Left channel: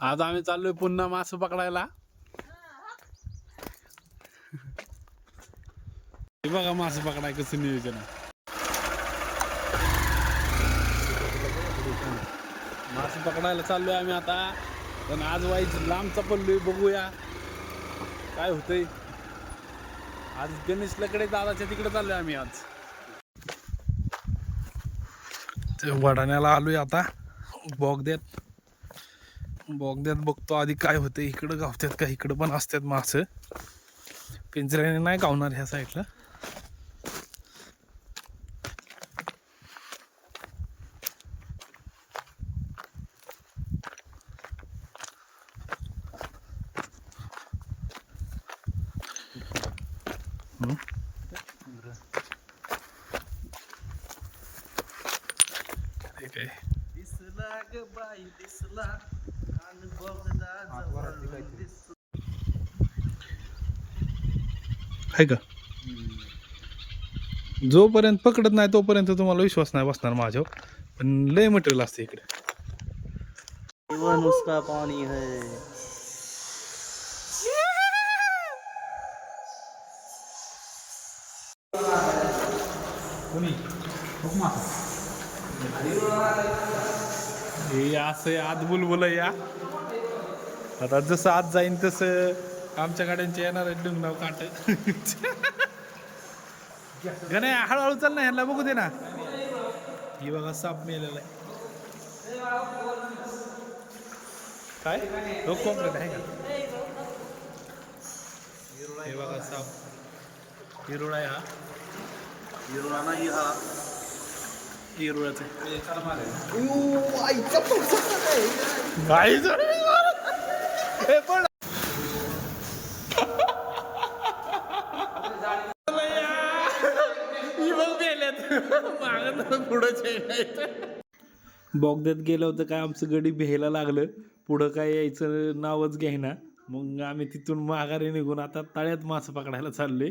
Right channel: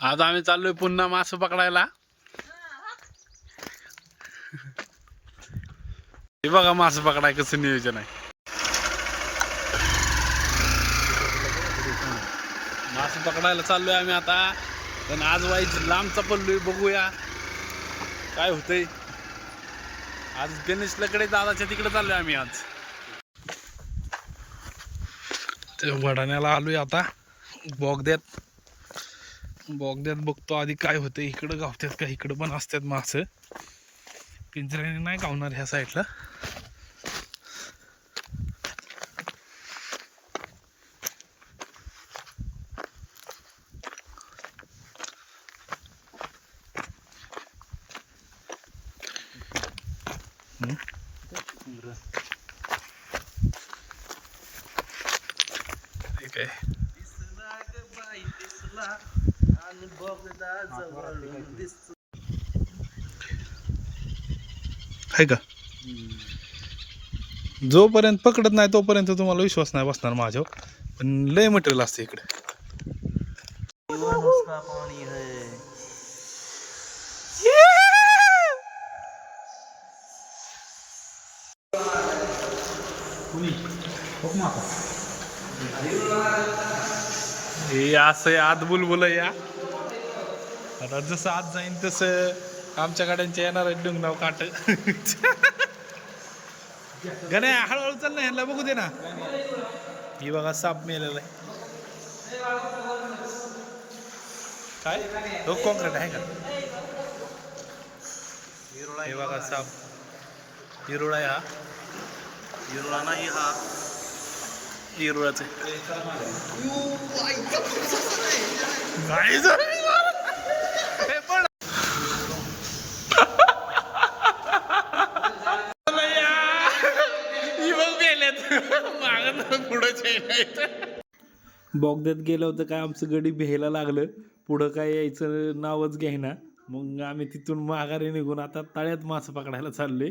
आज आम्ही चाललोय पुन्हा मासे पकडायला. हे बघा मासे पकडाय कसं नियोजन आहे. मासे पकडायला चाललोय आम्ही आता. पण आज वाईच लांबचा पडलोय बघूया. काय होतंय. आज गणेश लकडे दादाच्या तिकडे चाललोय आम्ही आज. ते वडाण्याला आलोय आता. बोगद्यात बोगद्यात बघतो आधी काय होतं इकडं गावतात का इकडं पण असतात मास. पिंजऱ्याने नाही गावणार ह्या साईडला. ठीक आहे आहे का? जोपर्यंत पकडत नाही तोपर्यंत तुम्हाला विश्वास नाही बसणार माझ्यावर. पण लय मटेरियल असते इकडे. जीवन उसका पानी है हे असं आत बुलबुल या. आता जसं आत जाईन तसं आमच्या गाड्यांचे येणार आहे डुंगनाव काट. गणे हळूहळू चल ना ह्यांना बघू दे ना. ही बघा साप मेलेला आहे. काय? हो कॉन्क्रीट आहे का? हे बघा साप. हिरोळा आहे हा. हिरोळा नाही हा. हिरोळाच झाली. हे पण बोगद्यात गेलं होतं काय आमचं गडी भ्यायला लागलं. पुढं काय यायचं नावच घ्यायना. मग आम्ही तिथून माघारी निघून आता तळ्यात मासे पकडायला चाललोय.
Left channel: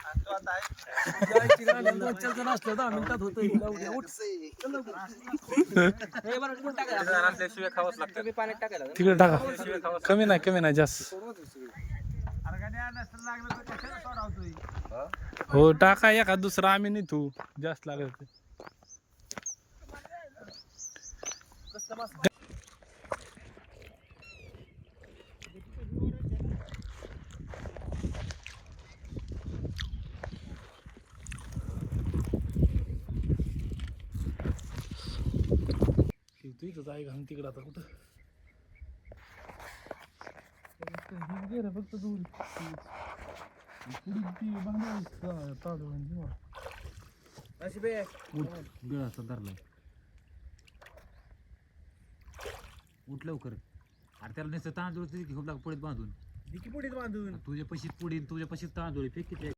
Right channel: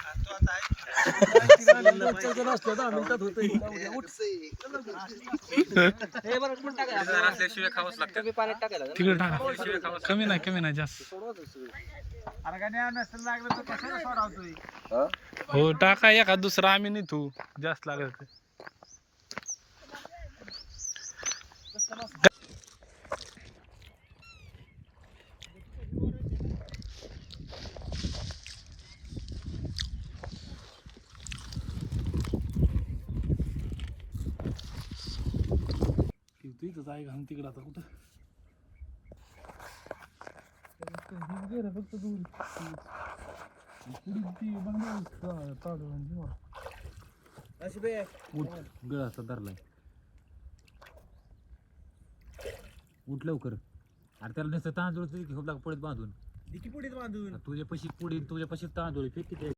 तिकडे टाका. कमी नाही कमी नाही जास्त. हो टाका एखाद दुसरा आम्ही नाही तू. जास्त लागत ते. तू इथं जाय घालून तिकडं आता कुठं? फक्त दूर पुढे ती बंगाल ताडू गळाचा धरला उठ लवकर. अरे त्याला नुसतं तांदूळ तरी खूप लाग पडत बांधून. पुढे बांधून? तुझ्या पशीत पुढे तुझ्या पशीत तांदूळ फेक किती